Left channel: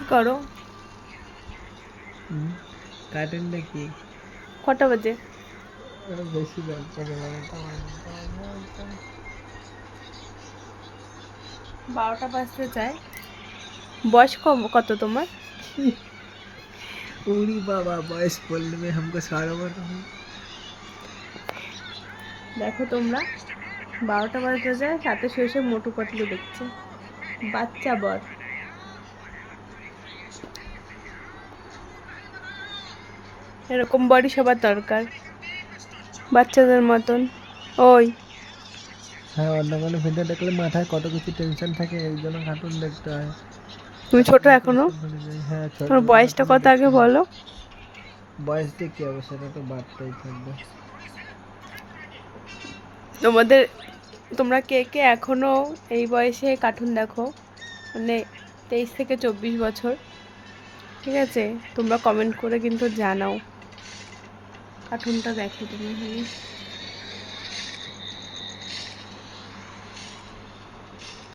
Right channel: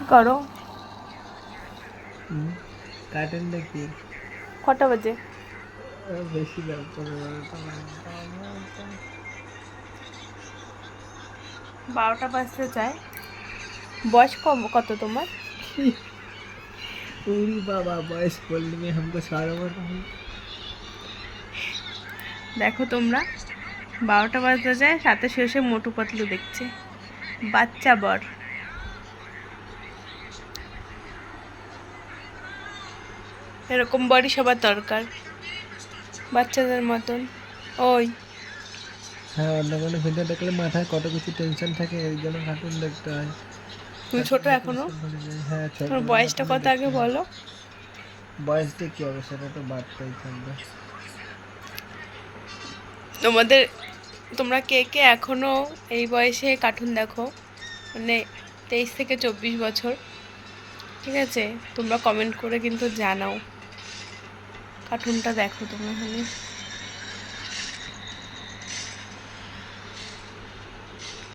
কি করো? কার্টুন দেখি। কটা বাজে? বেশি রাত 11টা 12টা। 12টা বাজতে চায়। বয়স কত তোমার? उरी बाबा बॉयस बोलने में हमको शर्म आ रहा है। দেখো তোমরা, 12টা বাজতে যায়, সাথে শেষে মোটু পাতলু দেখছে। বাচ্চা বর। এরকম বরই সবার দরকার, বাচ্চাদের মতন। ওই, হ্যাঁ, অন্য কোনো ভিডিও দেখলে মাথায় কত কিছু টেনশন থাকে, এর জন্য কার্টুন দেখতে হয়। তুমি ছোট কার্টুনে তো এখনো? সব ভুলে যাই। হ্যাঁ, ছোট তোমার বয়সটা কার্টুনে কত আগে দেখতে হয়। বলো। বয়সটা কি হবে সেটা তো বাড়তেই থাকবে। তোমাদের, তোমরা কে কে এখনো এই বয়সে কার্টুন দেখো, মানে 23 থেকে 24 বছর? ঠিক আছে, তোমরা কমেন্ট করে কিন্তু জানাও কার্টুনটা দেখো তোমরা খালি।